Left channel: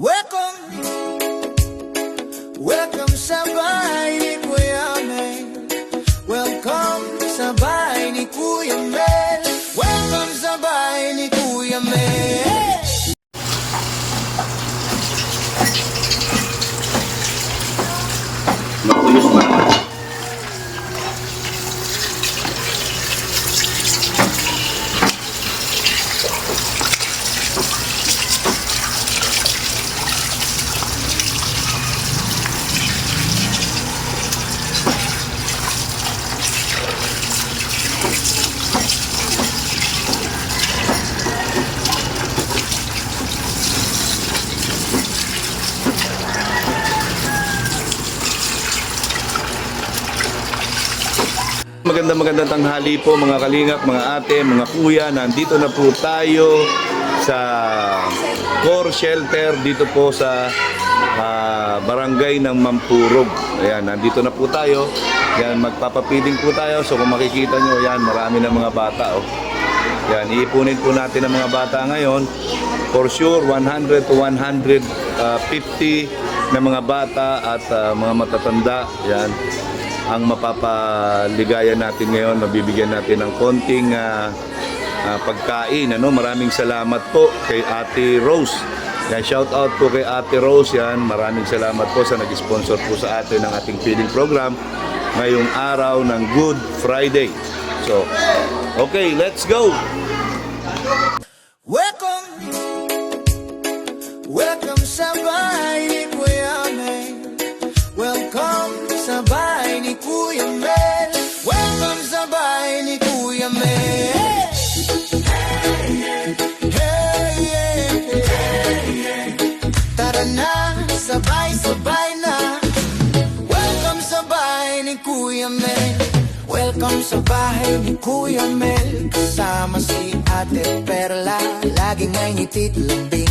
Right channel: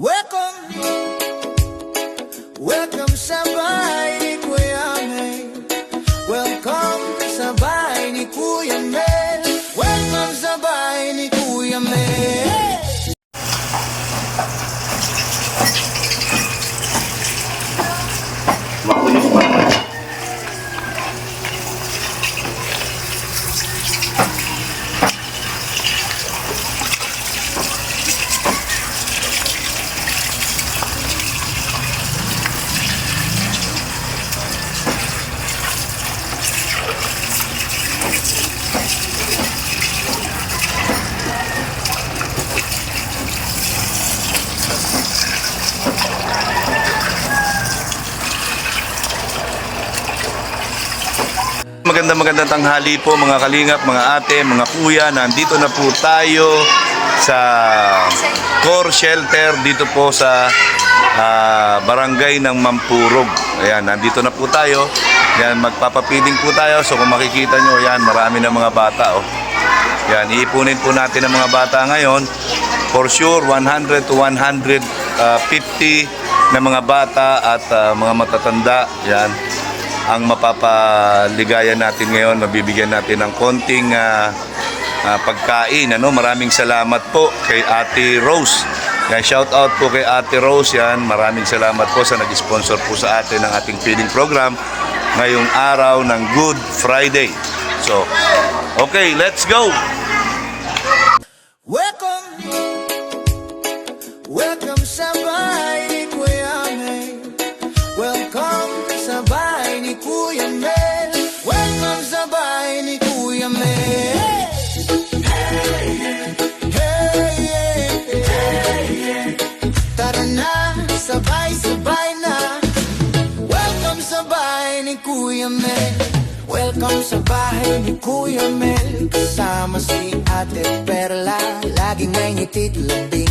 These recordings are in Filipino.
Welcome, welcome sa bahay ni Kuya Mel. Welcome sa bahay ni Kuya Mel. Welcome sa bahay ni Kuya Mel. Makulis na. Magandang tanghali po mga kalingap, mga ate, mga kuya. Nandito na po tayo sa Core Shelter dito po sa barangay ng Mampurog. Ayan, nandito na po tayo. Ayan, magpapapiling po tayo. So kung makikita nyo, ayan, marami na mga bata. Oh. Ayan, iipunin po natin ang mga bata ngayon. For sure, 100 to 150 na mga bata at mga matatanda. Ayan, ang mapapaligaya natin ngayon, mabibigyan natin ng konting pagkain. Maraming salamat po kay Ate Rose. Yan, shout out po kay Ate Rose. Yan, maraming salamat po sa nag-sponsor po sa atin ng ating feeding program ngayong araw ng Good Friday. So, okay, let's go! Welcome, welcome sa bahay ni Kuya Mel. Welcome sa bahay ni Kuya Mel. Welcome sa bahay ni Kuya Mel. Hey, hey, hey. Tara na, sabay-sabay na. Welcome sa bahay ni Kuya Mel. Welcome sa bahay ni Kuya Mel. Kasama si Ate Perla, laging may ngitit lambing.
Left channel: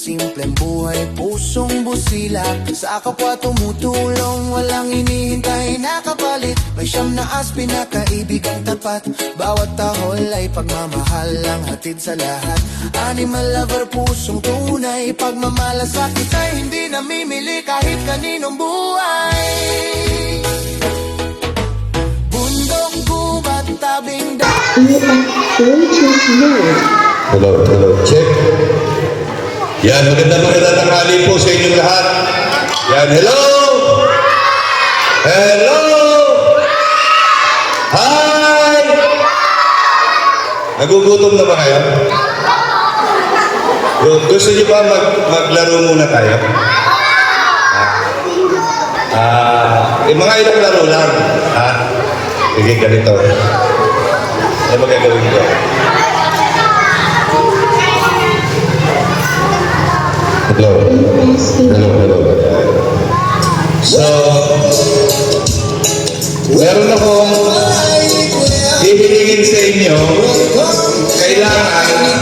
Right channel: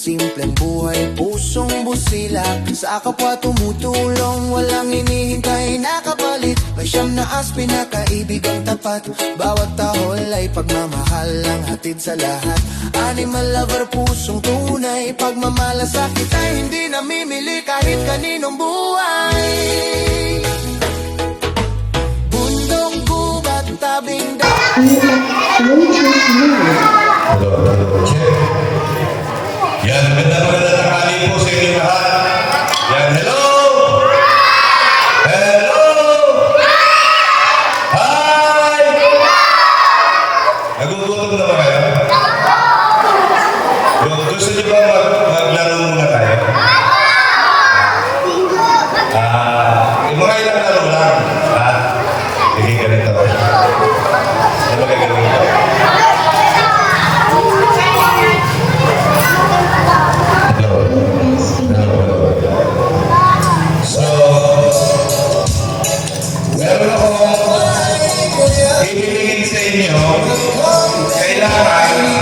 Simpleng buhay, pusong busilak. Sa kapwa tumutulong, walang hinihintay na kapalit. May siyam na pinakaibigang tapat. Bawat tahol ay pagmamahal ang hatid sa lahat. Animal lover, pusong tunay. Pagmamalasakit ay hindi namimili kahit kaninong buhay. Bundok, gubat, tabing Hello, check. Yan, magandang tanghali po sa inyong lahat. Yan, hello! Hello! Hi! Nagugutom na ba kayo? Gusto niyo ba maglaro muna tayo? Mga ilang laro lang. Sige, ganito. Ano magagawin ko? Hello. So, meron akong ibibigay sa inyo. Kailangan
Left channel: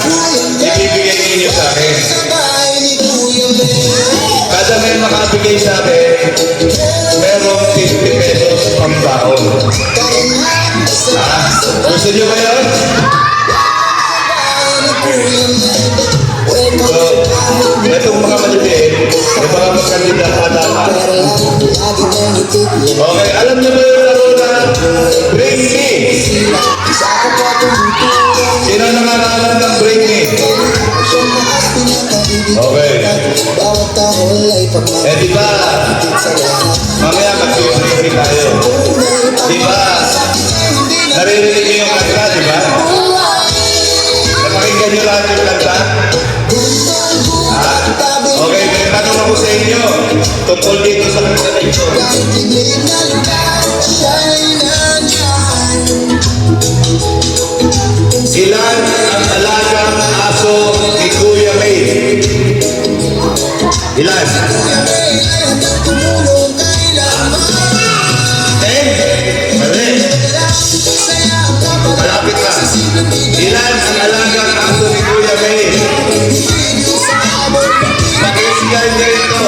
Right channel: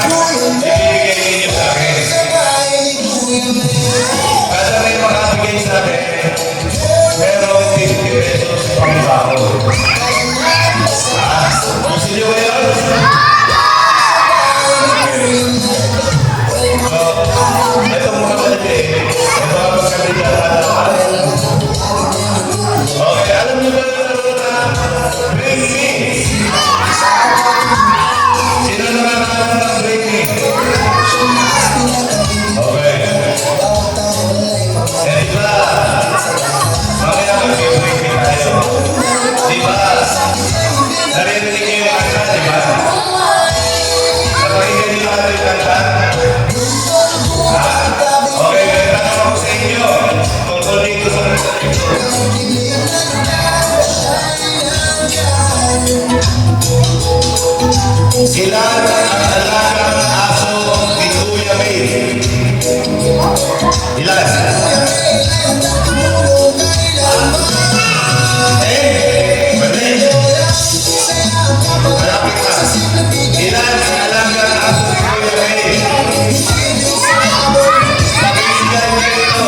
ibibigay ninyo sa akin. Kada may makabigay sa akin, merong 50 pesos pang baon. Gusto niyo ba yun? Itong mga maliliit, may mga magkandita at okay, alam niyo ba yung laro na Bring Me? Sino naman alam ng Bring Me? Okay. Di ba? Mamaya mag-Bring Me tayo. Di ba? Naririnig niyo yung kanta, di ba? Napakinggan niyo lahat yung kanta? Okay, may tanong ako sa inyo tungkol dito sa kanta dito. Ilan ang alagang aso ni Kuya May? Ilan? Mali. Malapit ka. Ilan ang alagang aso ni Kuya May? Pakisigay na ito.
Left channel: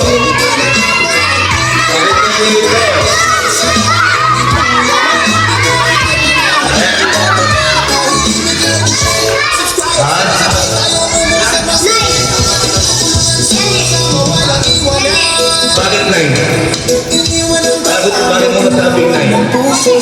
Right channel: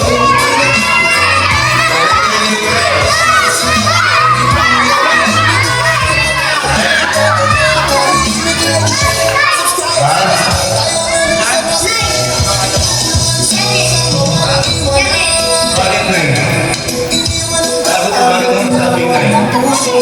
Ha?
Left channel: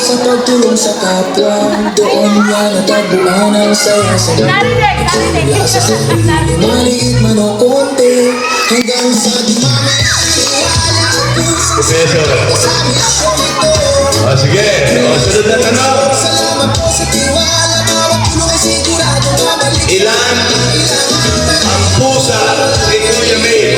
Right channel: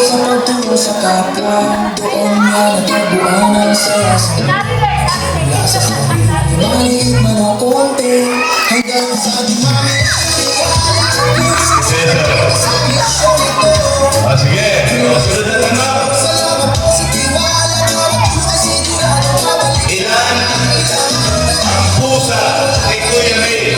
sa pagtulong sa kapwa. Doon niya natagpuan ang saya sa mula sa sarili, maliit man o konti, hanggang sa dumami ang iwala at puso sa misyon ito. Sige, sunod na tanong. Salamat po sa tiwala, bawat tulong ay sigurado mabalik. Ilan ang pusa ni Kuya May?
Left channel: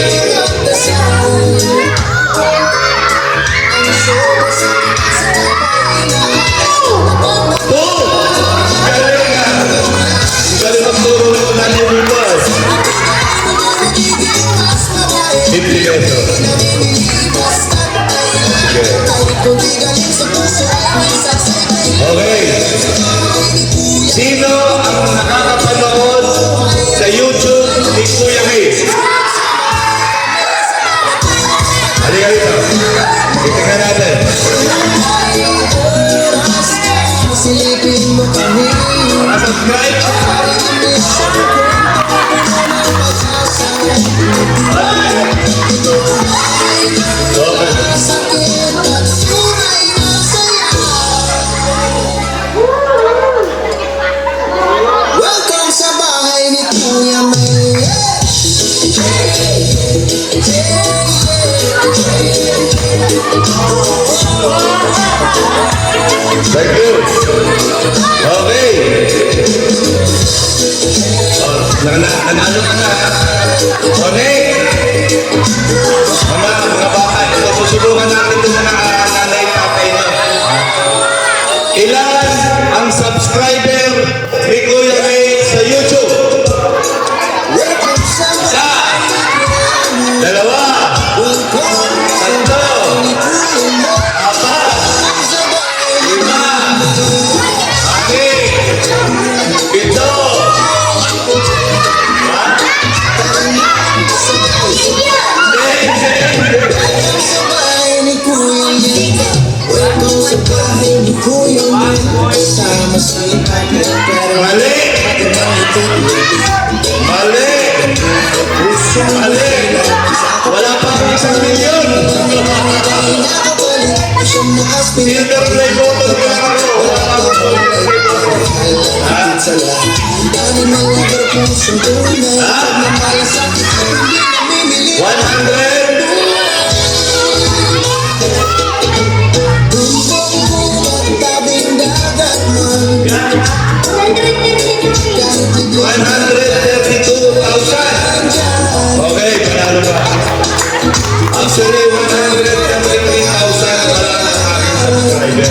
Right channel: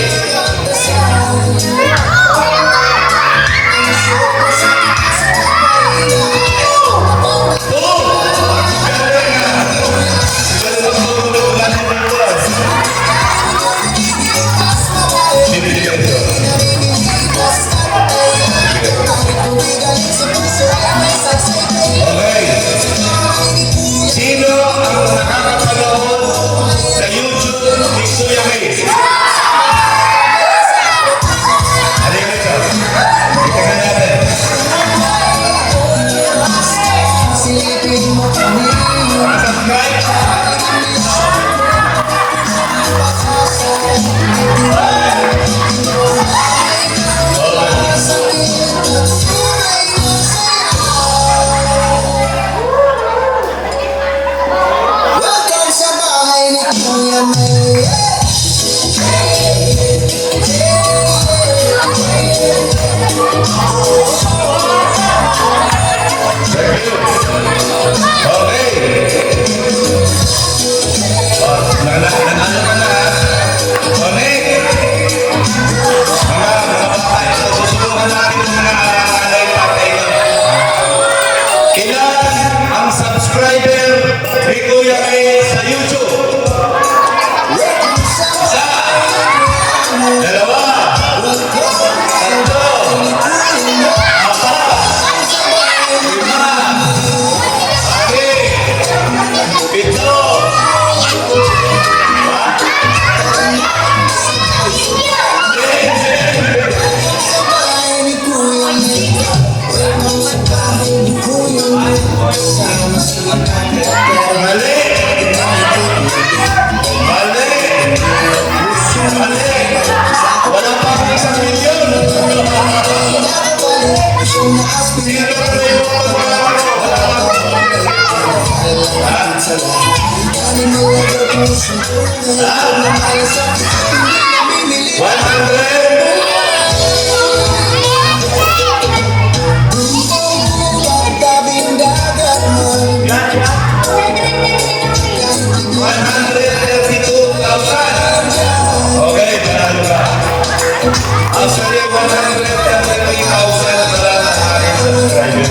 Okay. Sino ang nakakapanood sa YouTube ni Kuya May? Halika rito. Tingnan natin. Subscribe. Welcome sa bahay ni Kuya May. Thank you. Okay. Nanalo ka na. Okay. Mga bata, ito susulungan natin itong mga nanay tatay nyo. Ilan ang subscriber ni Kuya May sa YouTube? Isa. Dalawa. Tatlo. Apat. Lima. Ito. Sa bahay ni Kuya May. Welcome sa bahay ni Kuya May. Kasama sa ikat na pero Mali. Mali. Mali. Wala pa akong 1 milyon. Sino na may boto wala ako? Wala ako. Ha? 100? Okay, panalo ba? Actually, 133,000 wala na sa aking subscriber.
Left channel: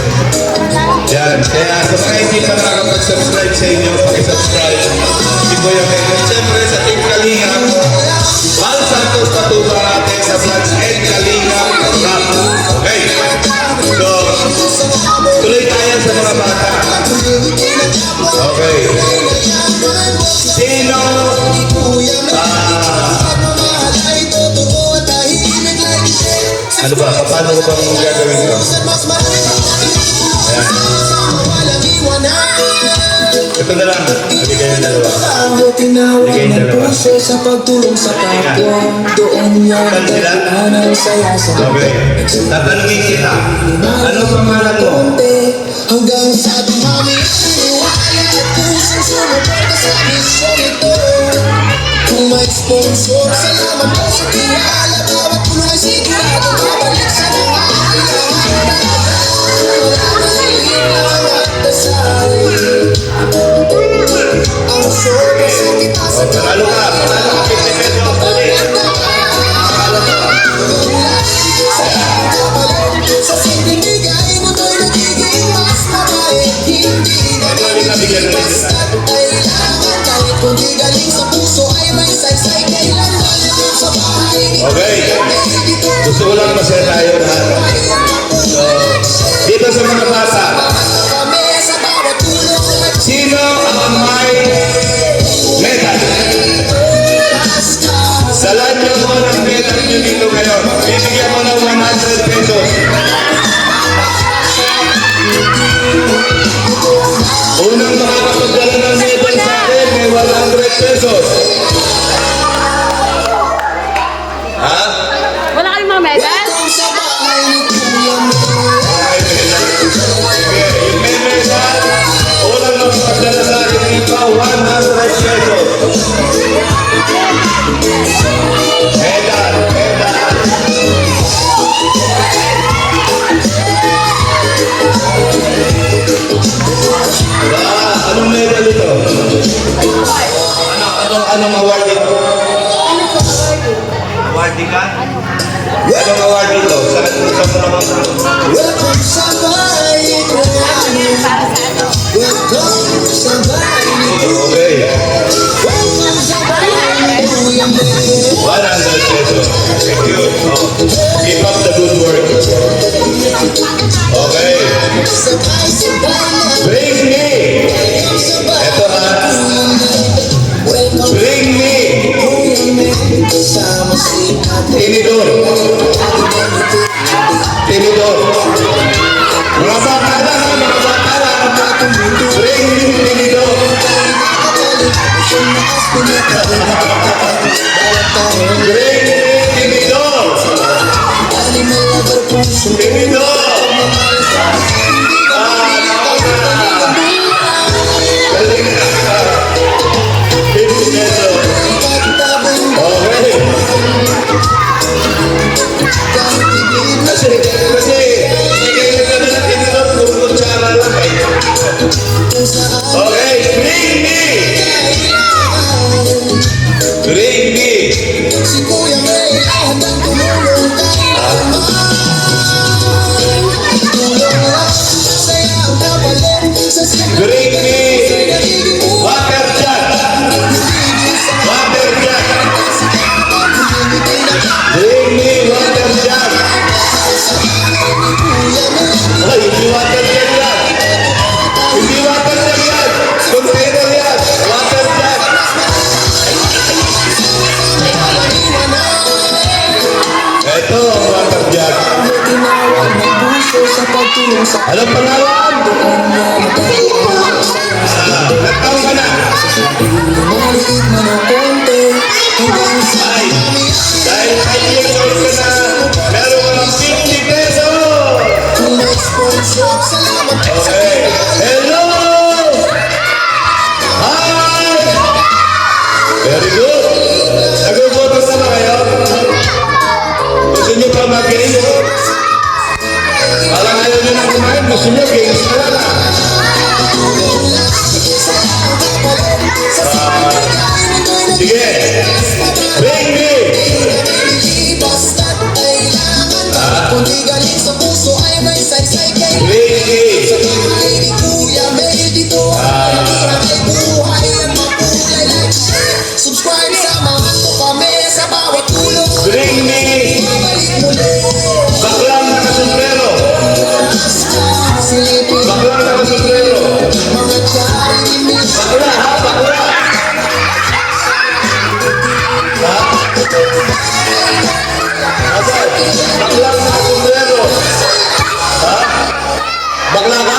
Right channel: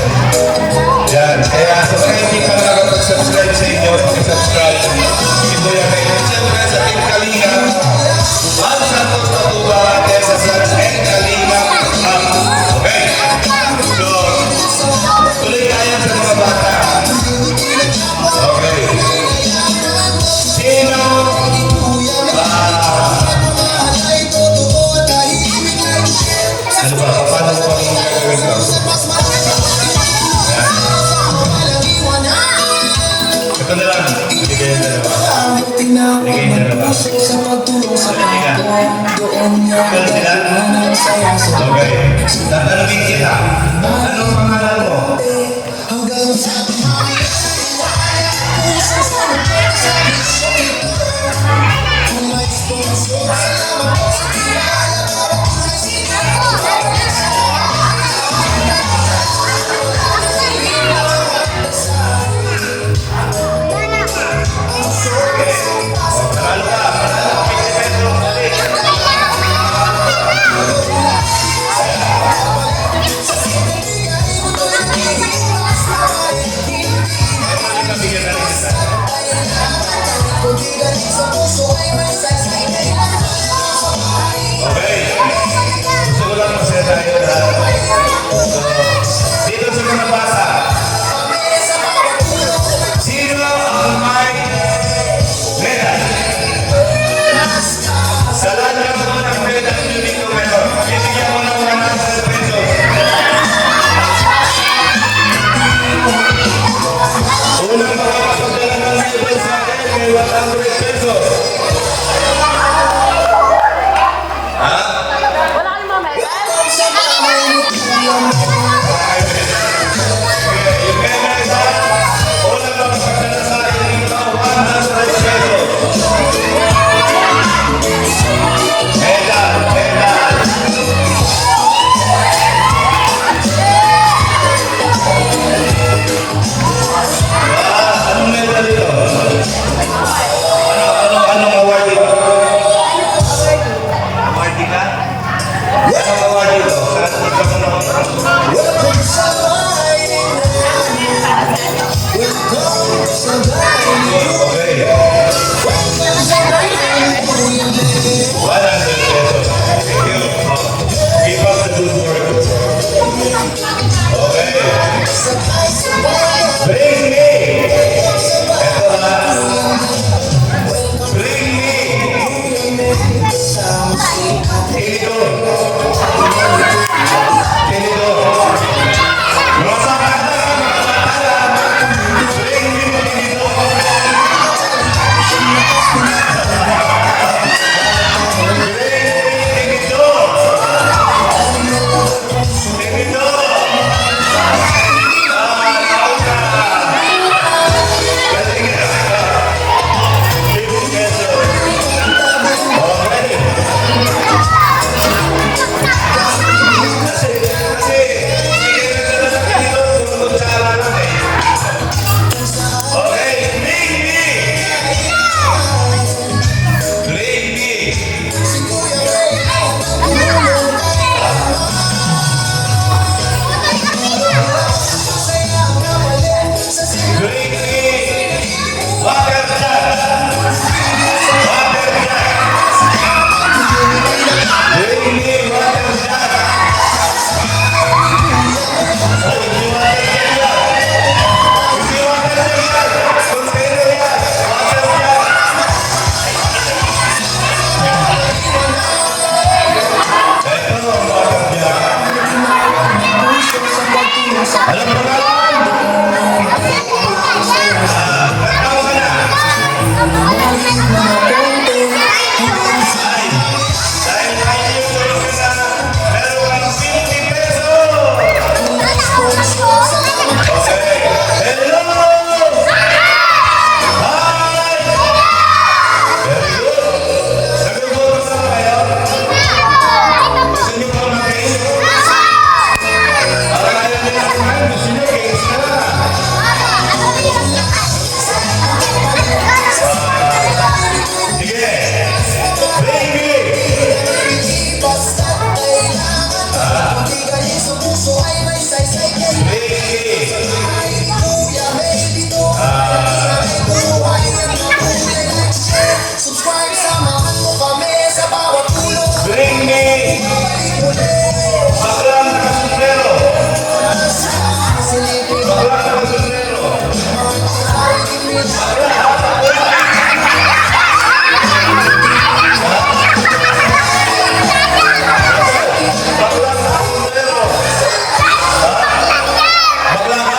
Yan, kaya sa mga hindi pa nakakapag-subscribe sa inyo, pakisubscribe. Ito yung like. Siyempre sa Team Kalinga, Val Santos Patuga, Texas Vlogs, and Kalinga Vlog. Okay? So, tuloy tayo sa mga bata. Okay. Sino ano ba? Paano ba ang gagawin ko? Ayan. Ito na lang. Ibigay yung dalawa. Ibigay yung dalawa. Sa pagtulong sa kapwa, doon niya natagpuan ang saya sa Okay. Tatanungin kita. Ano pangalan mo? hanggang sa dumami at puso sa misyon ito. Kung mag-sponsor, salamat po sa tiwala, bawat tulong ay sigurado mabalik sa Panalo ka. Okay. Gusto ko lang masaya tayo lahat. So, dito sa mga bata, sino ang may medal? Sa lahat na mo ng medal nyo dito ngayon, bibigyan mo ng 100 pesos. Unang makakapagdala ng medal sa akin, may 100 pesos. Ha? Wala kayong mga medal? Welcome sa bahay ni Kuya May. Awarding ka? Anong award dito? Saan mo naman? Welcome sa bahay ko. Welcome sa bahay ko. Okay. Welcome sa bahay ko. 100 pesos. Thank you. Keep up the good work. Okay. Bring me. Ito ha. Bring me. Tinidor. Tinidor. Rosa Pala. Bring me Tinidor. Alam mo na? Nagtaon ka na? Dahil kayo ka na, meron kang 50 pesos! Okay. Hello! Hi! Very good. Nag-ugotos na ba kayo? Gusto nyo ba mag-game? Parang ayaw nyo na kumain, gusto nyo games na lang. Sige. Bring me. Bring me. Baklang kasumbrero. Baklang kasumbrero. Bakla, ha? Bakla. Baklang kasumbrero. Ha? Bakla ka?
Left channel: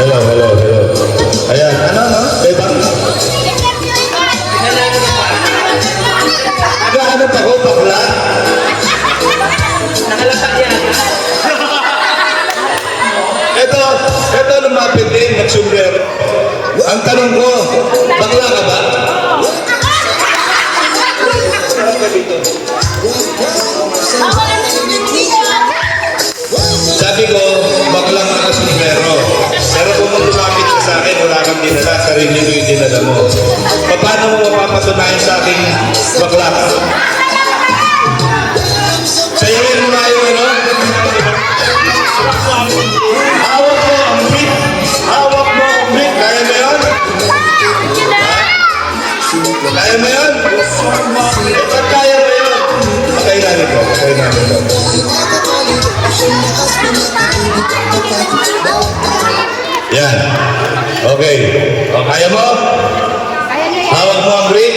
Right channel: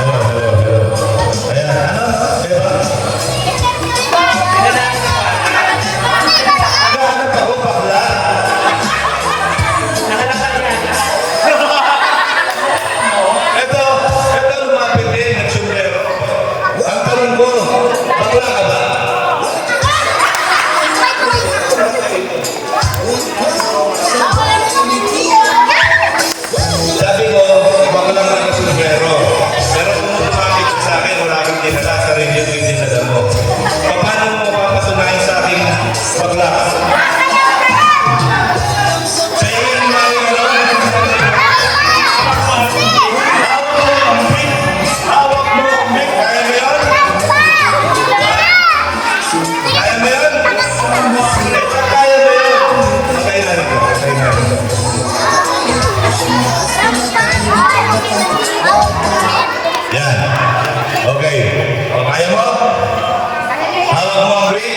Hello. Ayan, ano? Beba? Naghahanap ako, bakla? Ito lumapit din, nagsumbrero. Ang tanong ko, bakla ka ba? Sabi ko, bakla ka kasumbrero. Pero kung lumapit ka sa akin, wala kang dinala, sarili ko yung dinala mo. Paano mo mapapatunayan sa akin bakla ka? Sa'yo rin mo na yung ano? Hawak mo ang mic. Hawak mo ang mic. Kaya mo yun? Kaya mo yun? Eh, ba't kaya mo yun? Kaya namin to. Yan. Okay. O, kaya mo? Hawak mo ang mic.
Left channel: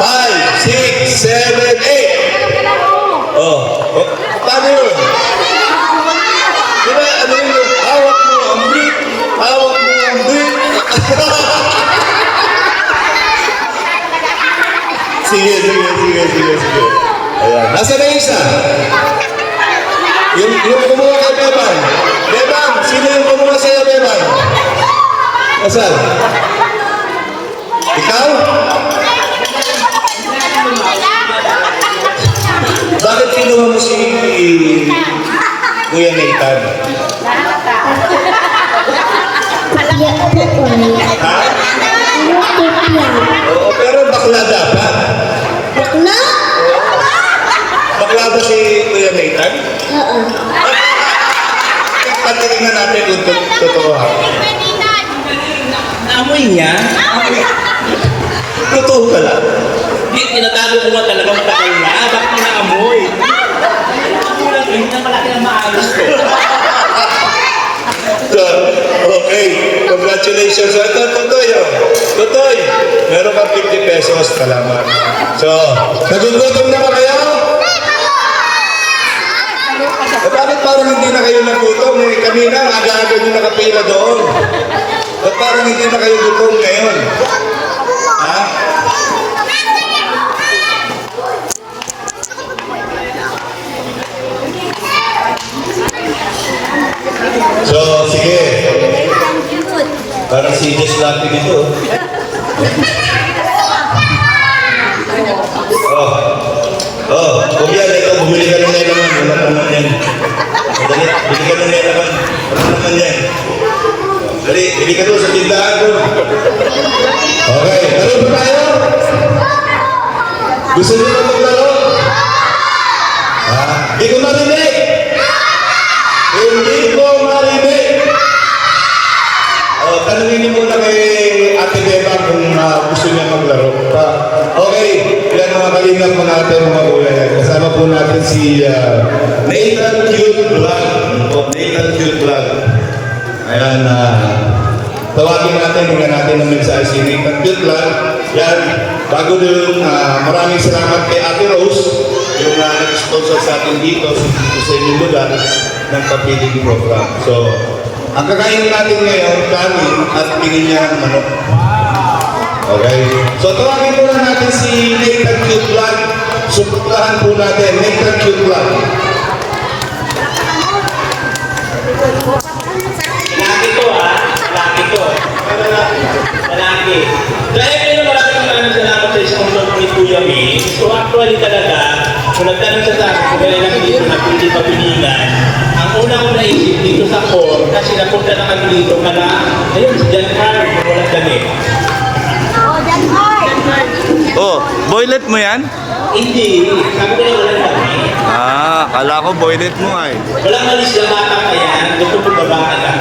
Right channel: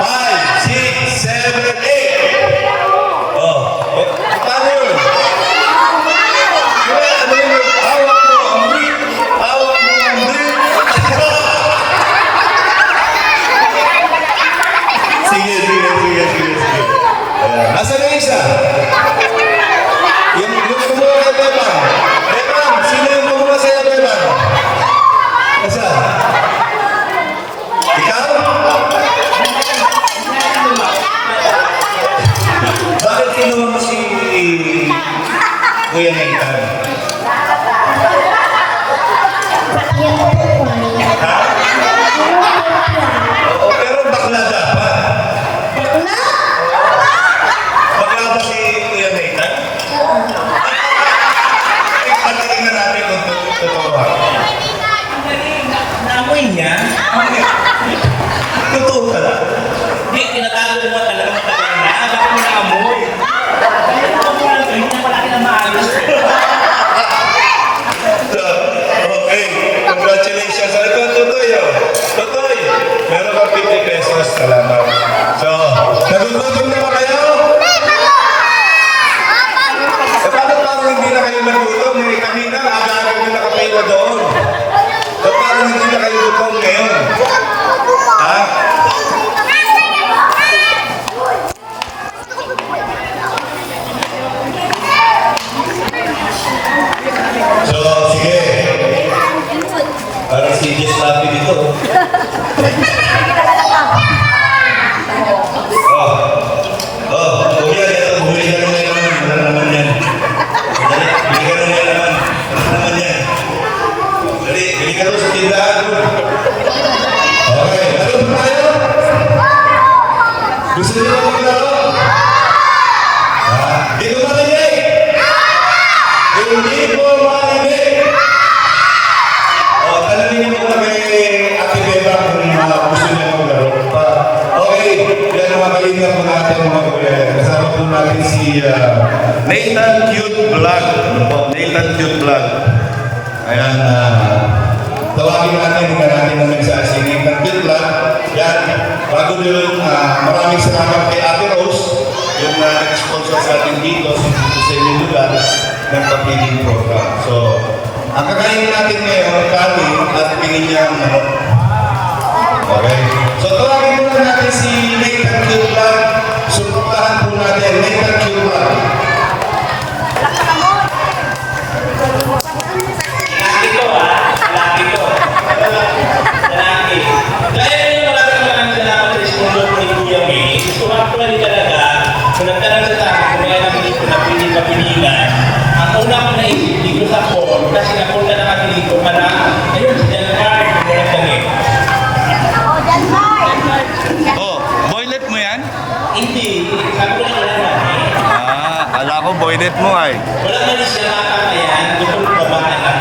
5, 6, 7, 8. Oh. Paano yun? Kaya ano yun? Hawak mo ang mic. Hawak mo ang mic. Sige. Ayan. Nasa na yung isa? Yung kumuha kay Beban. Beban, sino yung kumuha sa'yo, Beban? Nasaan? Ikaw? Kuya Nathan? Ha? Oo, pero bakla dapat. Bakla ba si Kuya Nathan? Tatanungin natin kung totoo ha. Naamoy niya? Totoo ka lang. Hindi, tinatago ko nga talaga matagal na. Ay, bakit mo naamoy? Ako lang, hindi na palaki ng maayos ko. So, okay, congratulations. So, ito, Totoy. Totoy, meron kang 50 pesos. Salamat. So, nagugutom na ba kayo? Bakit parang hindi na kayo nagutom? Kanina, aga-aga nyo nakapira doon. Parang hindi na kayo gutom ngayon. Ha? So, sige. Parang si Jess Lapi dito. Kuya, ito, bumili ka ng nailaman. Wala naman yan. Dali, bili ka ng nailaman. Wala naman yan. Dali, bili ka doon sa tindahan doon. Okay, laro ba tayo? Gusto niyo na maglaro? Hindi ko marinig! Hindi ko marinig! Tanungin niyo muna kay Ate Beba kung gusto niya maglaro. Okay, yan mga kalingap po natin mga kuya. Kasama po natin si Nathan Cute Vlog. Nathan Cute Vlog. Ayan, tawagin natin, hindi natin ang nagsabi si Nathan Cute Vlog. Yan, bago doon, maraming salamat kay Ate Rose, yung nag-sponsor sa atin dito, sa inyong lugar, ng kapiling program. So, ang kakainin natin ngayon, kanin at pingin niya ng manok. Okay? So, tawagin po lang natin si Nathan Cute Vlog. Suportahan po natin, Nathan Cute Vlog. Laki to ha? Laki to. Laki. Dahil yun yung maraming salamat sa sponsor ni Kuya May. So actually talaga, kung nagtanong sa tayo, kung kailangan dito na pili-papiligan, ang una ko naisip dito sa phone, kasi napunta na kami dito para, ayun, si John Hart, kung walang damit. Oh, boylet mo yan? Hindi, sabi ko na walang damit. Kala ko boylet mo ay. Walang malis na bata ka yan, gusto mo babaan lang.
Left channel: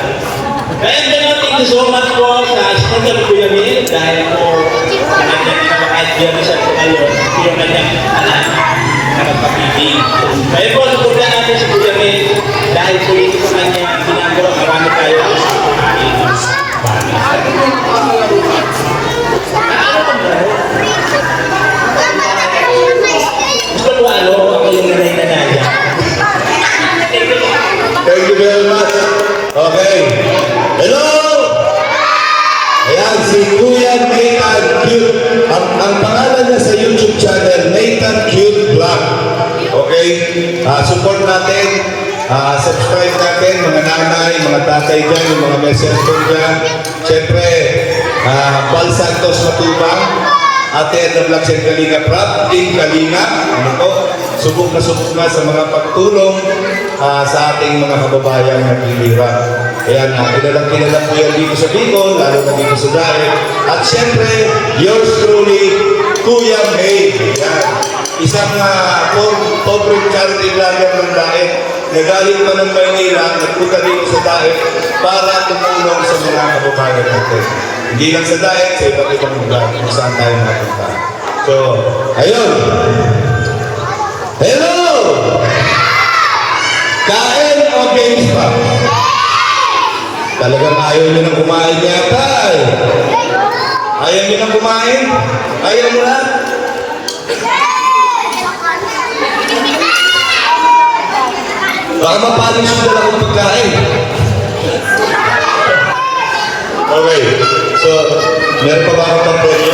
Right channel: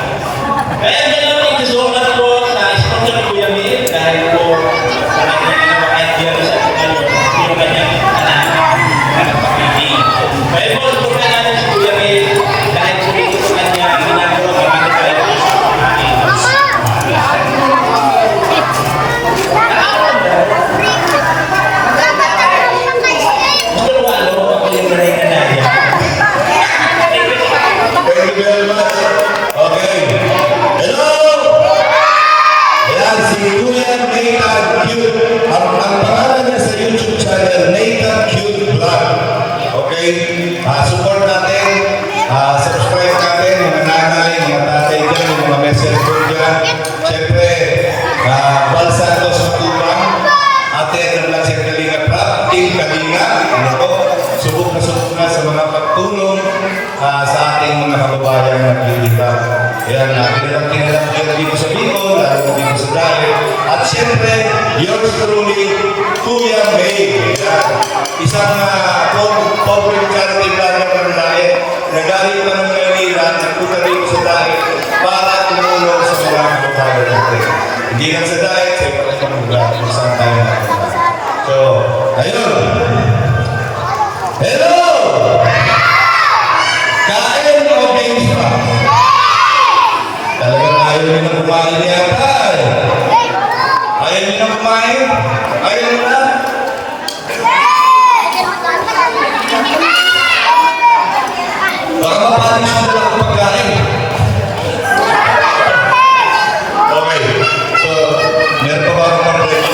Kaya ganun, thank you so much po sa sponsor ni Kuya May, dahil po sa kanyang kahit biyan siya sa ngayon, yung kanyang anak na magpapili. Kaya po, supportan natin si Kuya May, dahil po ito sa kanyang ginagawa, marami tayo. Gusto mo ano, ako yung nanay na Nadia. Thank you very much. Okay. Hello! Ayan, si Kuya Nathan Cute. Ang pangalan niya sa YouTube channel, Nathan Cute Vlog. Okay? Support natin. Subscribe natin, mga nanay, mga tatay dyan, yung mga message ko dyan. Siyempre, Val Santos Matibang, Ate at Vlog Siyang Kalinga Prab, Team Kalinga, ano to? Subok na sa mga pagtulong sa ating mga kababayan na naglilihirap. Ayan, kilala ko yan dito sa Bicol, lalo na dito sa Dae. At siyempre, yours truly, Kuya May. Ayan. Isang pobre charity vlogger ng Dae. Nagaling ka ng Maynila, nagpunta dito sa Dae para tumulong sa mga kababayan natin. Hindi lang sa Dae, sa iba't ibang lugar kung saan tayo mapunta. So, ayun. Hello! Kain o games pa? Talagang ayaw nyo nang kumain yata eh. Ayaw nyo nang kumain? Ayaw nyo na? Baka mapaling siya dalang ng pagkain. Okay. So, meron pa ba akong pang-premyo?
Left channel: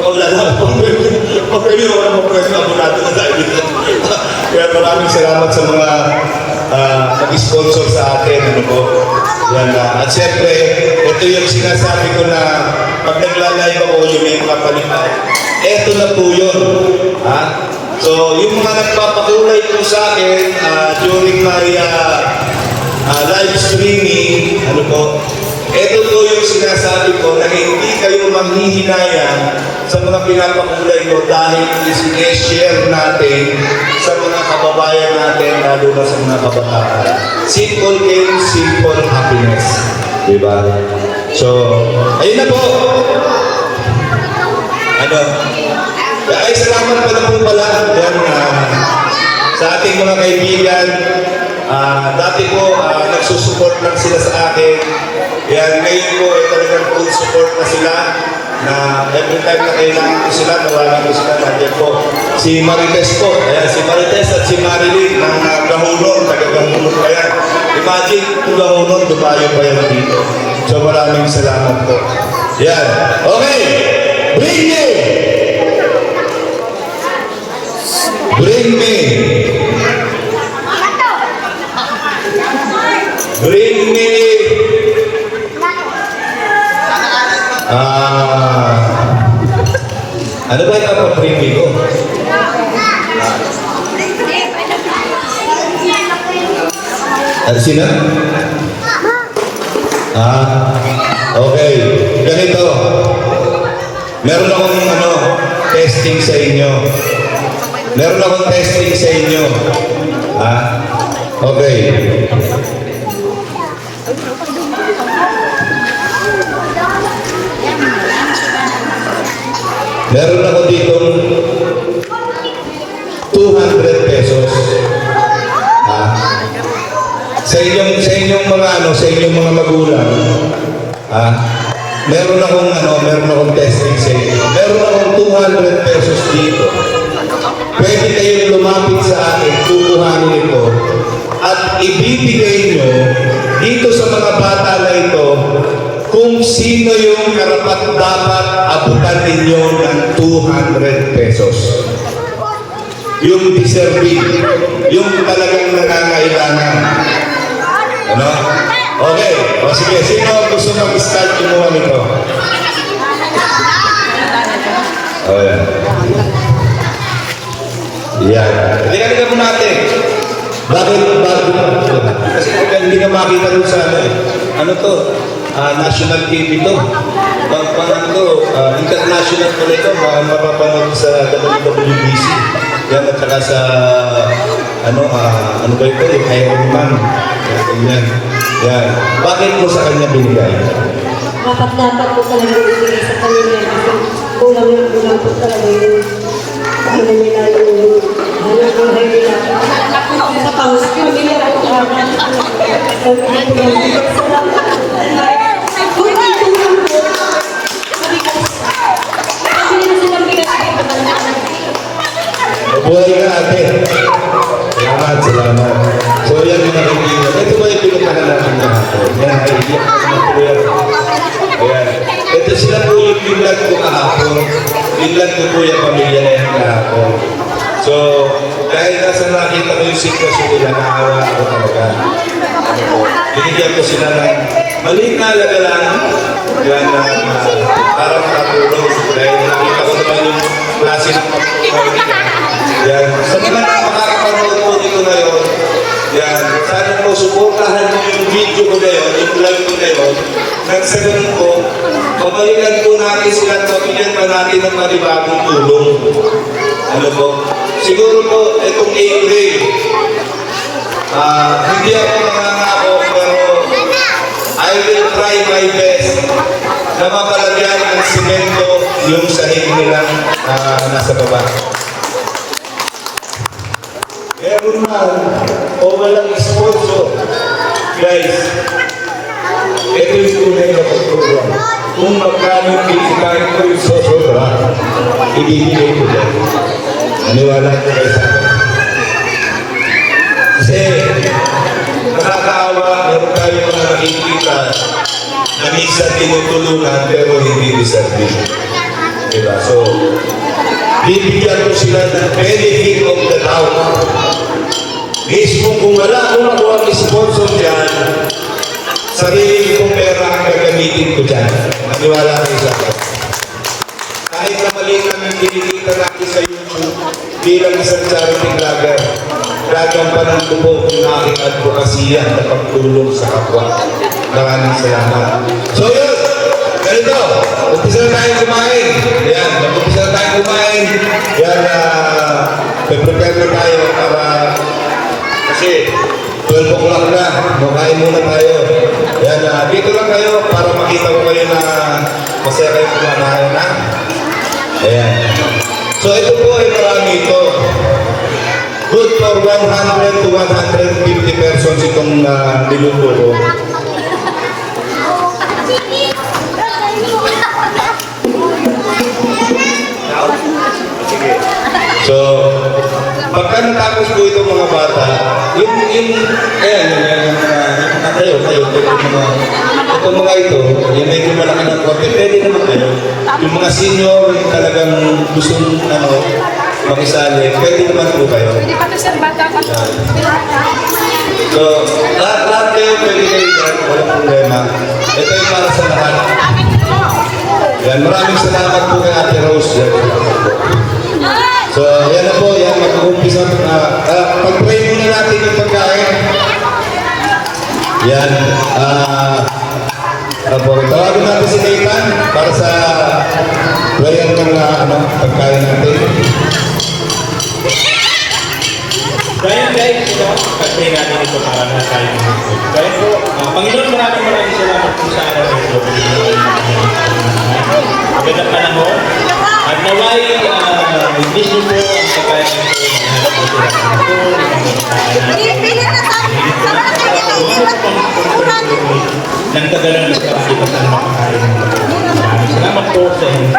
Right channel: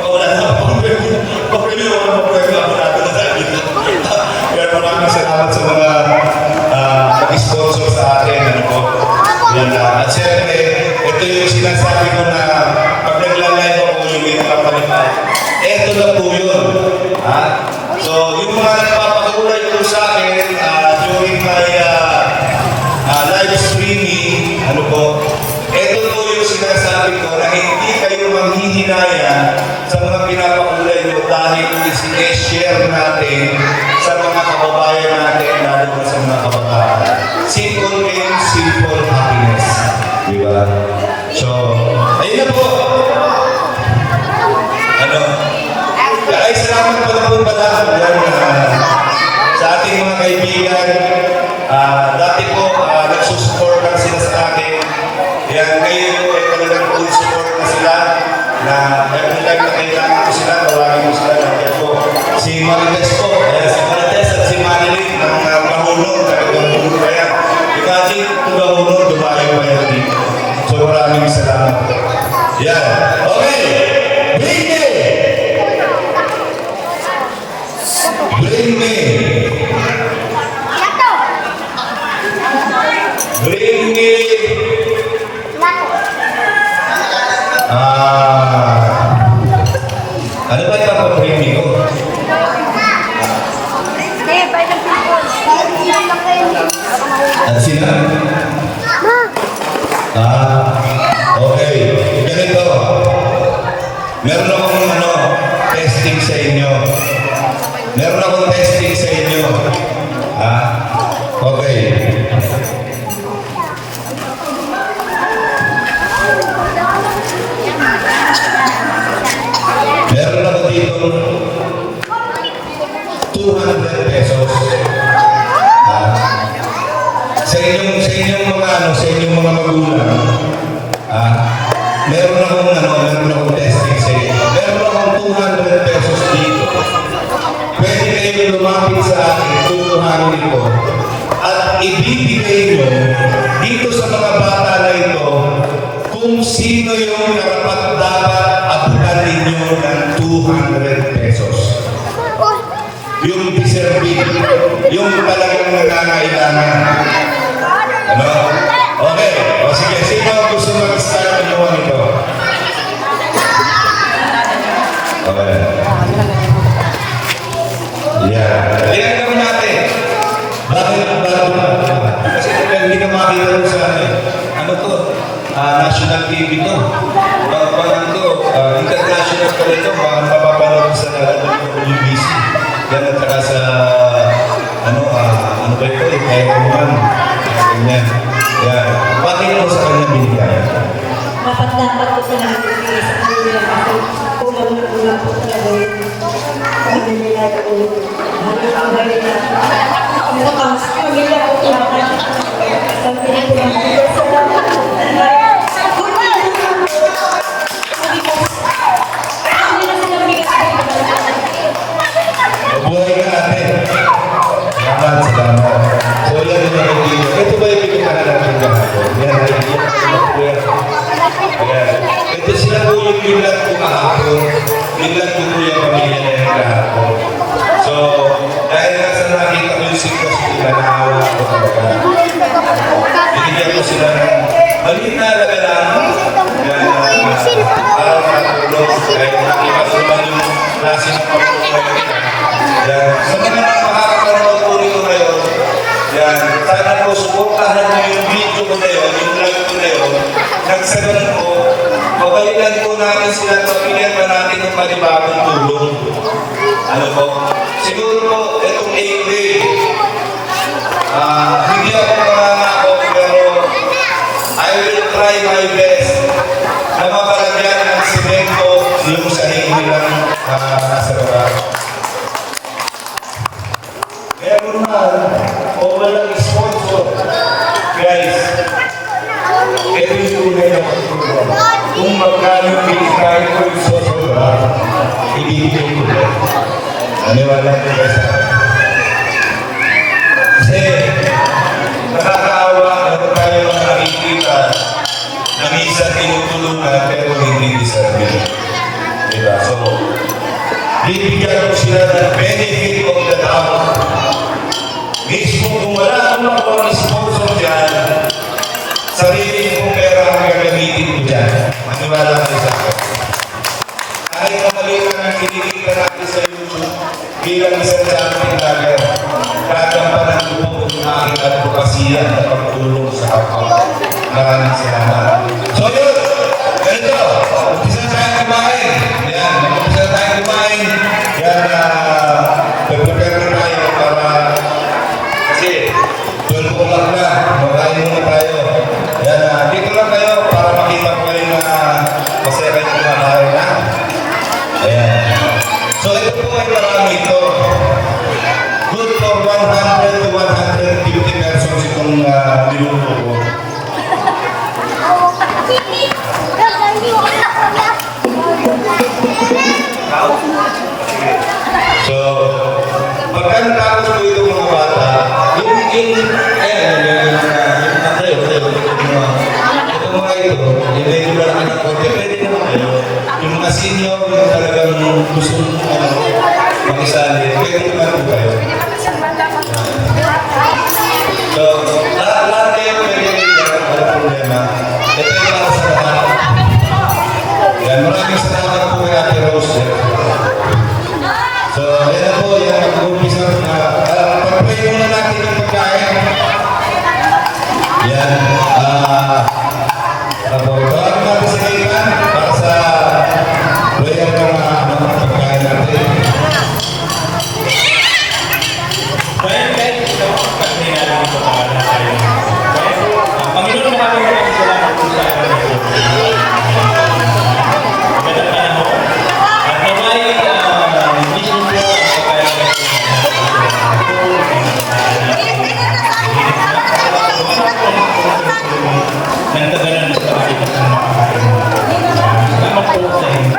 Wala na akong pang-premyo. Pang-premyo, wala akong pang-premyo. Ako natin ang dahil. Kaya maraming salamat sa mga nag-sponsor sa atin. Ano po? Yan, at siyempre, ito yung sinasabi ko na pag naglalay ako yung may kapalitan. Ito na po yun. Ha? So, yung mga nagpapakulay po sa akin, ano po, ito po yung sinasabi ko na hindi kayo manghihinayang sa mga pinapakulay nyo dahil isineshare natin sa mga kababayan natin, lalo na sa mga kabataan. Simple game, simple happiness. Diba? So, ayun na po. Ano? Ay, salamat po na po pala yan, sa ating mga kaibigan. Dati po, nagsusupport lang sila sa akin. Yan, ngayon po ay talagang full support na sila na every time na kailangan ko sila, tawagin ko sila, nandiyan po. Si Marites po, ayan, si Marites at si Marilyn ng Gahunong, taga-Gahunong pa yan. Imagine, kung Gahunong, dumayo pa yan dito. So maraming salamat po. Yan, okay, bring me! Bring me! Bring me! Ano ba yung papapremi ko? Ano sino? Okay. Ganito. Meron akong testing sa inyo. Meron akong testing sa inyo. Okay. Meron ako dito 200 pesos. Sa inyong mga magulang. Meron akong testing sa inyo. Meron akong 200 pesos dito. Pwede kayong lumapit sa akin, tutuhanin ito, at ibibigay nyo dito sa mga bata na ito kung sino yung karapat dapat abutan ninyo ng 200 pesos. Yung deserving, yung talagang nangangailangan. Ano? Okay. O sige, sino ang gusto mag-start kumuha nito? Okay. Yan. Halika mo natin. Bakit? Kasi hindi ka makita doon sa ano to? National TV to. International ko ito, mapapanood sa WBC. Yan at saka sa ano ba ito? Iron Man. Yan. Yan. Bakit mo sa kanya binigay? Dapat ko talaga ibigay sa kanila. Kasi kulang po talaga yung ano nila yung halos ang buhay nila. Sa paus, pamilya ko talaga. So, pinipulong sa salamat po. Mabuhay ka ate. Salamat. So yan yung nakikita. Ito ba yung pinagkahan natin kahapon? Yan, ayan. Ito sila po yung bilang ko kahapon. Bilang ko po yung pamilya na yan kahapon. So, dahil nasa nakita ko yung sitwasyon nila, naawa ako talaga. Binigyan ko sila ng maliit na alaga lang. Yan, para makatulong. Dahil nakita ko naman yung klase ng pagpapalagay nila. Yan. Sa mga makakapanood po nito ngayon, yan. Sana po, suportahan niyo yung video ko na yun, yung live ko na yun. Nang sa ganun po, pabalikan po natin sila at mabigyan pa natin ng panibagong tulong. Ano po? Siguro po, itong April, hindi ako mangangako, pero I will try my best na mabalagyan ng simento yung sahig nilang nasa baba. Meron man o walang sponsor, guys, ito yung tunay na pagtulong. Kung magkano yung pilitain ko yung sosobra, ibibigay ko yan. Naniwala ko kayo sa akin. Kasi nakakaawa, meron tayo mga nakikita na minsan tinutulungan pero hindi deserving. Diba? So, bibigyan ko sila ng benefit of the doubt. Mismo kung wala akong nakuha ng sponsor dyan, sarili kong pera ang gagamitin ko dyan. Maniwala kayo sa akin. Kahit na mali lang yung kinikita natin sa YouTube bilang isang charity vlogger, gagampanan ko po ang aking advokasya na pagtulong sa kapwa. Maraming salamat. So yun, ganito, umpisa na tayong kumain. Yan, mag-umpisa na tayong kumain. Yan, prepare na tayo para, kasi 12 o'clock na, makain muna tayo. Yan, dito lang kayo para makita ko kayo na masaya kayo kumakain na. Ayan. So ito po ay marami ito. Good for 100 to 150 persons itong niluto ko. So, pagka natapos po ito mga bata, itong mga ito, yung medyo malaki ng konti, pwede naman kayo. Yung mga senior, yung talagang gustong makisali, pwede naman po kayo. So, lahat kayo pwede kayo dyan, walang problema. Ito yung para sa lahat. Yan, maraming salamat po kay Ate Rose. Yan. So, yan na po, yan, mag-umpisa na. Pag-pray muna natin yung pagkain. Yan, tawagin natin si Nathan para sa prayer ng pagkain natin. Kaya guys, pag-pray natin ito para na tayo. Kaya po, Panginoon, maraming salamat po sa magandang panahon. At naway, hindi nyo po ang pagkain ng tagalan na sa akin ng makakain. Salamat po sa inyo.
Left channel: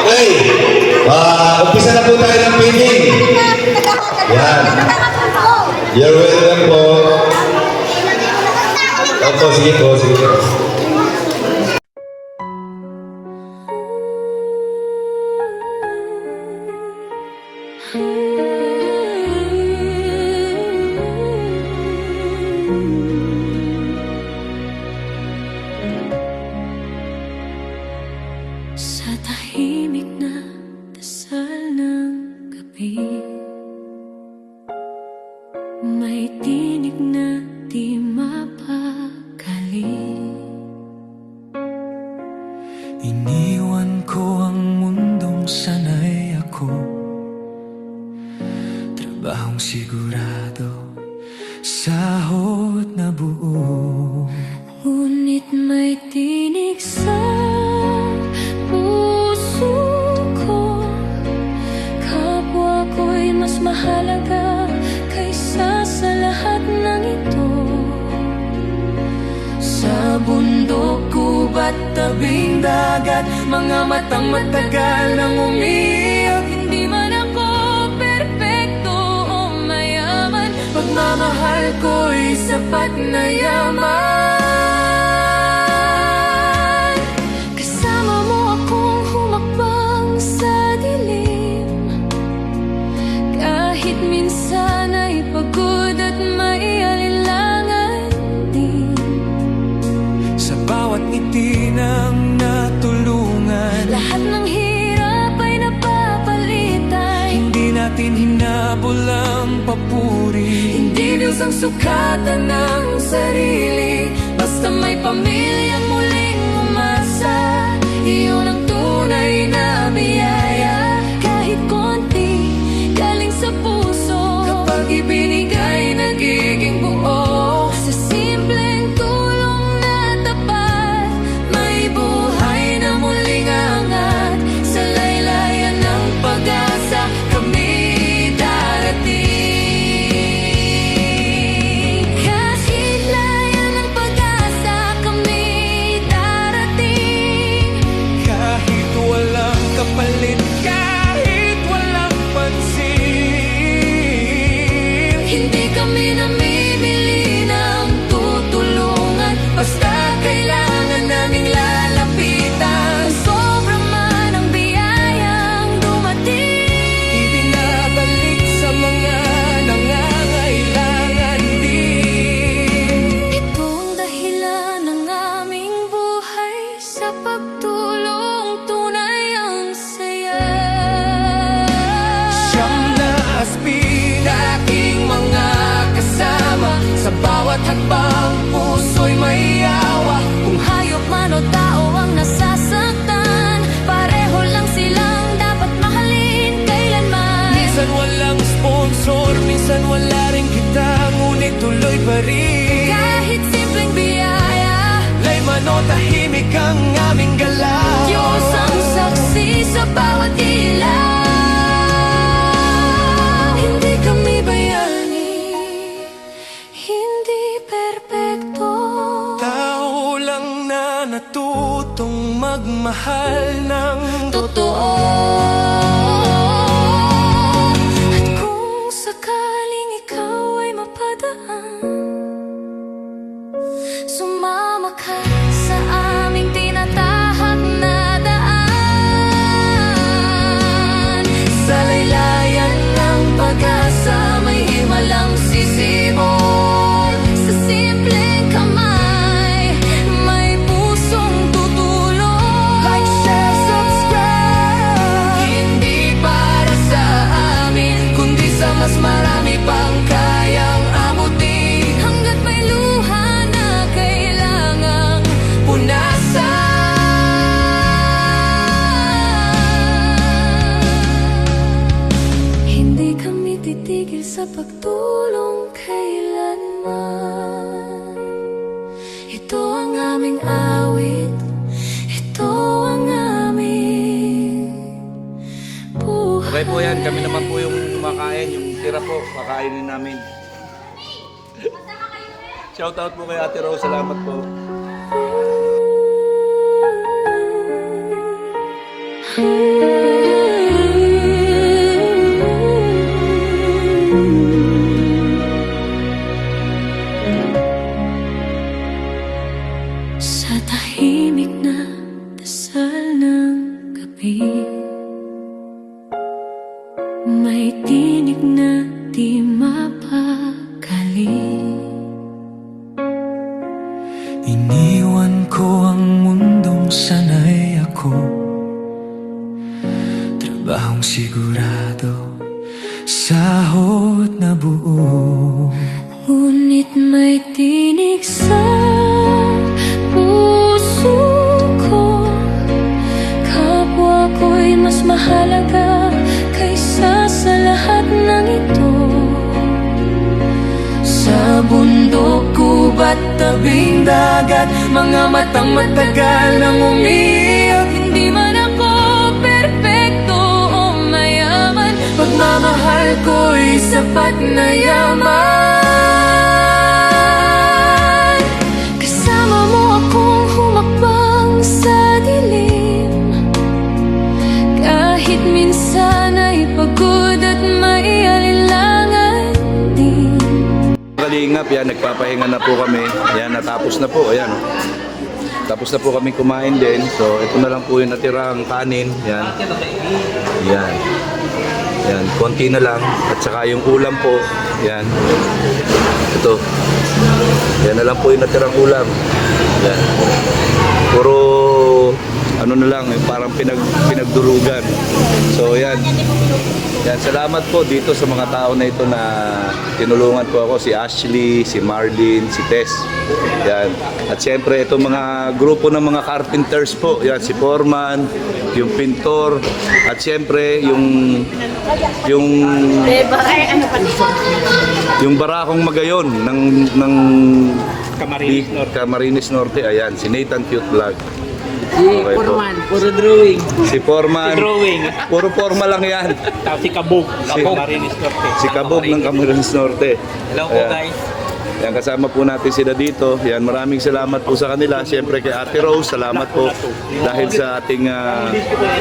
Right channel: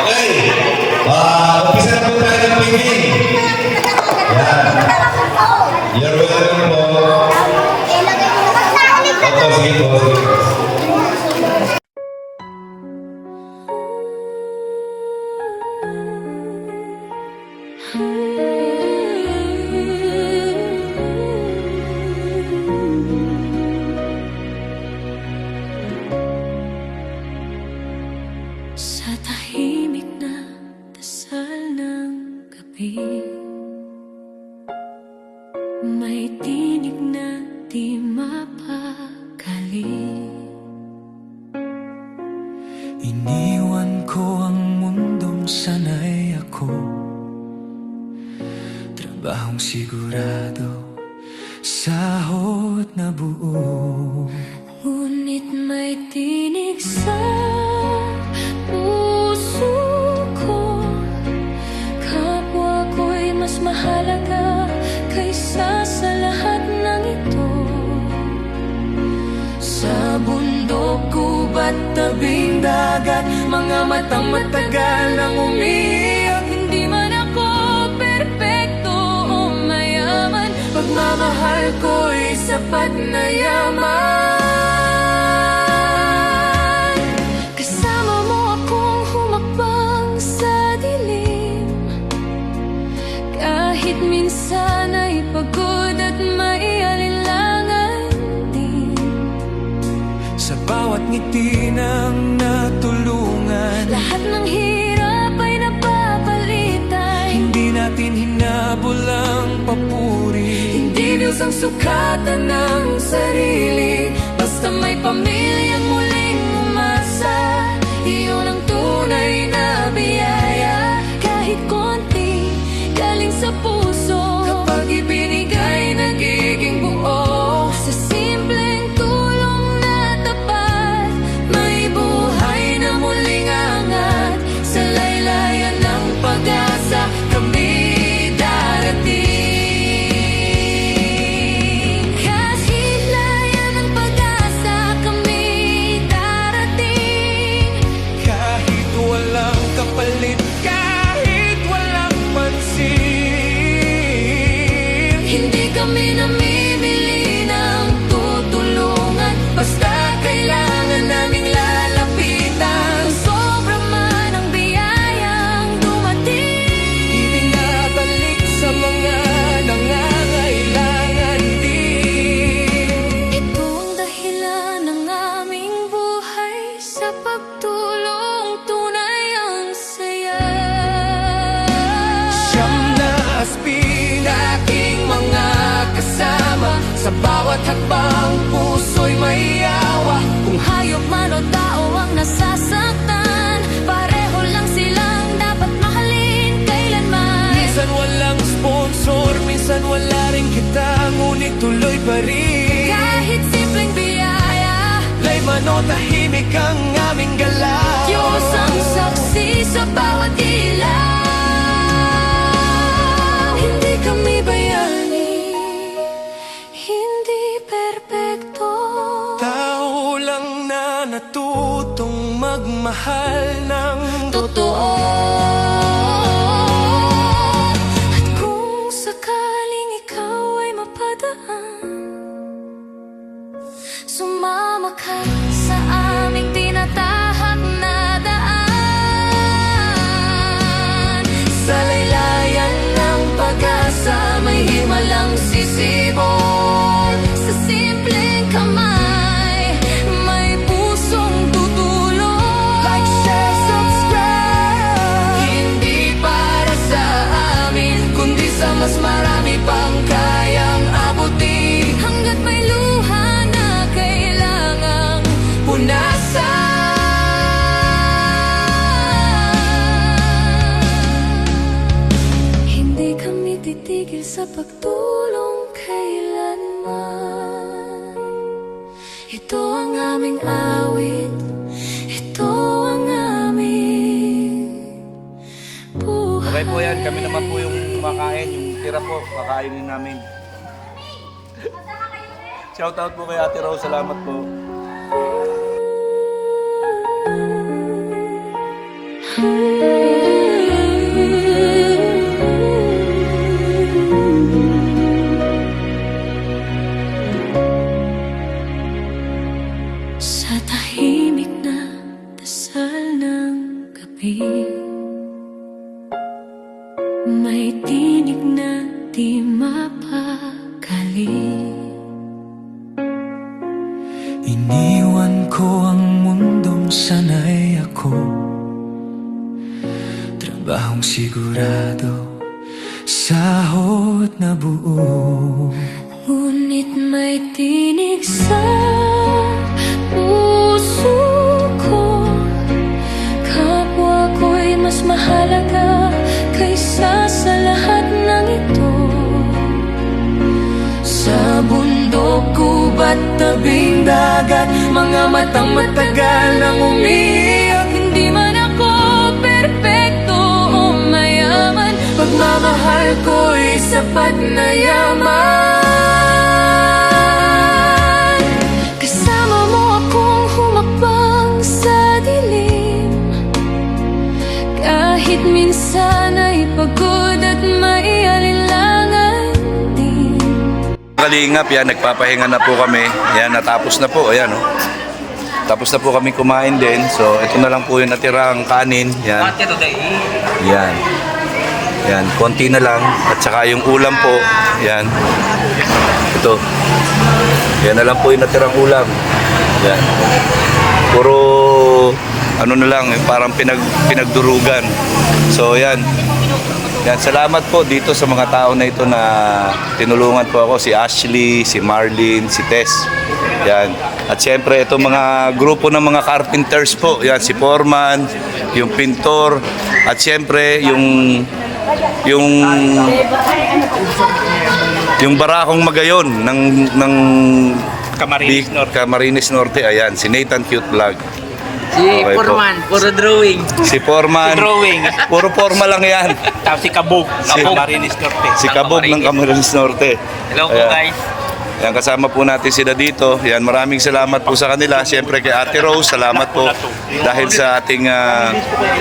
Okay, umpisa na po tayo ng painting. Yan. You're welcome po. Opo, sige po, sige po. Sa tahimik na dasal ng gabi, may tinig na di mapakali. Iniwan ko ang mundong sanay ako, trabahong sigurado, sahod na buo. Ngunit may tinig sa puso ko, kapwa ko'y mas mahalaga kaysa sa lahat ng ito. Sa bundok, gubat, tabing dagat, mga matang matagal nang umiyak. Hindi man ako perpekto o mayaman, Pagmamahal ko'y sapat na yaman. kasama mo akong humakbang sa dilim, kahit minsan ay pagod at may alinlangan din. Sa bawat ngiti ng natulungan, Lahat ng hirap ay napapalitan, hindi natin hinabol ang papuri. hindi views ang sukatan ng sarili, basta may pamilyang muling umasa. Iyon ang tunay na biyaya, kahit konti galing sa puso. Kapag ibinigay, nagiging buo. Sa simpleng tulong na tapat, may buhay na muling angat. Sa laylayan ng pag-asa, kami darating. Kahit layan ng pag-asa, kami darating. Kahit walang kapalit, kahit walang pansin, Hindi kami namimili ng tutulungan, basta kailangan naming lalapitan. Kung sobra man ang biyayang dumating, ibinabalik sa mga nangangailangan din. ito ang dahilan ng aming buhay, sa pagtulong tunay ang saya. Siyam na aspin, aking mga kasama. Sa bawat hakbang puso'y may yawa. Kung hayop man o tao ang nasasaktan, pareho lang silang dapat mahalin kailanman. Minsan walang sponsor, minsan wala rin kita, ngunit tuloy pa rin. Kahit simpleng biyaya, Lay man o tahimik ang aming galaw. Diyos ang saksi sa bawat ilaw. Hindi kami bayani, hindi perpekto. Tao lang na natutong magmahal ng Totoo. At kung sakaling ikaw ay mapadaan, sumama ka sa aming tinatahak na daan. Sa laylayan ng pag-asa, may himalang sisibol. Sa simpleng kamay, may pusong tutulong. Like, share, subscribe. Hindi para sa amin, Kundi sa mas marami pang kayang abutin. hanggat may luha na kailangang punasan. Hindi kami titigil sa pagtulong kailanman. Ito ang aming awit, ito ang aming buhay. Okay po yan, kami naman po yung makain, yung tira po, kakainin namin. Shoutout po kay Ate Rose, salamat po. Sa tahimik na dasal ng gabi, may tinig na di mapakali. Iniwan ko ang mundong sanay ako, trabahong sigurado, sahod na buo. Ngunit may tinig sa puso ko, kapwa ko'y mas mahalaga kaysa sa lahat ng ito. Sa bundok, gubat, tabing dagat, mga matang matagal nang umiyak. Hindi man ako perpekto o mayaman, Pagmamahal ko'y sapat na yaman. kasama mo akong humakbang sa dilim. Kahit minsan ay pagod at may alinlangan din. Kalingap, yan, nagpapahinga na po kami. Yan, natapos na po, ayan. Oh. Tapos na po kami kumain din. So, ito na lang po yung natirang kanin. Yan. Yan. Yan, konti na lang. At saka yung ulam po. Yan. Ito. Yan na lang po yung natirang ulam. Yan. Puro, ano na lang, parang pinagdurugan. So, yan. Yan, salamat po dito sa mga tao na ito na tinulungan po ako, si Ashley, si Marlene, si Tess. Yan. At siyempre itong mga grupo ng mga carpenters po, yan si Foreman, yung pintor, at siyempre yung barakong magayon ng Camarines Norte, ayan, si Nathan Cute Vlog. Si Okay po. Foreman, puro drawing. Si Foreman, Drawing. puro forma lang yan. Tapos si Kabog. Kabog. Si Kabog ng Camarines Norte. Hello po Ayan. guys. Yan, kasama po natin sila dito. Yan, maraming salamat po sa kanila. Siyempre kay Ate Rose, salamat po dahil sa ating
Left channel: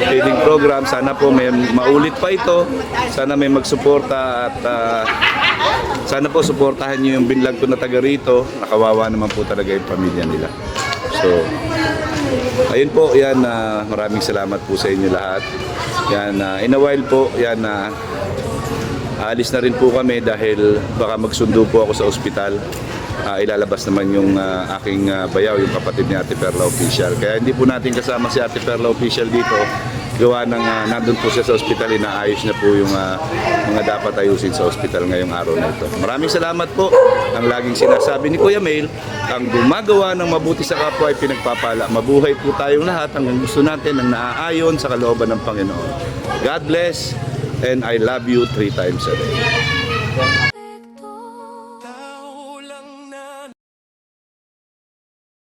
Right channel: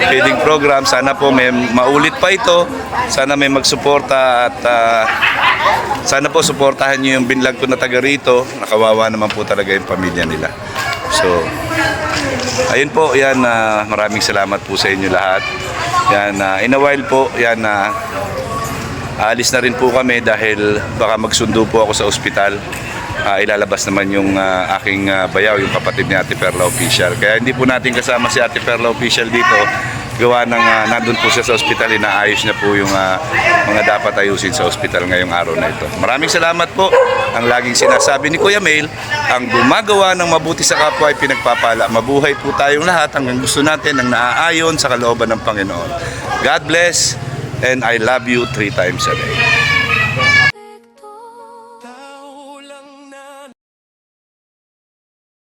feeding program. Sana po may maulit pa ito. Sana may magsuporta at sana po suportahan nyo yung binlog ko na taga rito. Nakawawa naman po talaga yung pamilya nila. So, ayun po, yan, maraming salamat po sa inyo lahat. Yan, in a while po, yan, aalis na rin po kami dahil baka magsundo po ako sa ospital. ilalabas naman yung aking bayaw, yung kapatid ni Ate Perla Official. Kaya hindi po natin kasama si Ate Perla Official dito. Gawa ng nandun po siya sa ospital, inaayos niya po yung mga dapat ayusin sa ospital ngayong araw na ito. Maraming salamat po. Ang laging sinasabi ni Kuya Mail, ang gumagawa ng mabuti sa kapwa ay pinagpapala. Mabuhay po tayong lahat hanggang gusto natin ang naaayon sa kalooban ng Panginoon. God bless and I love you 3 times a day.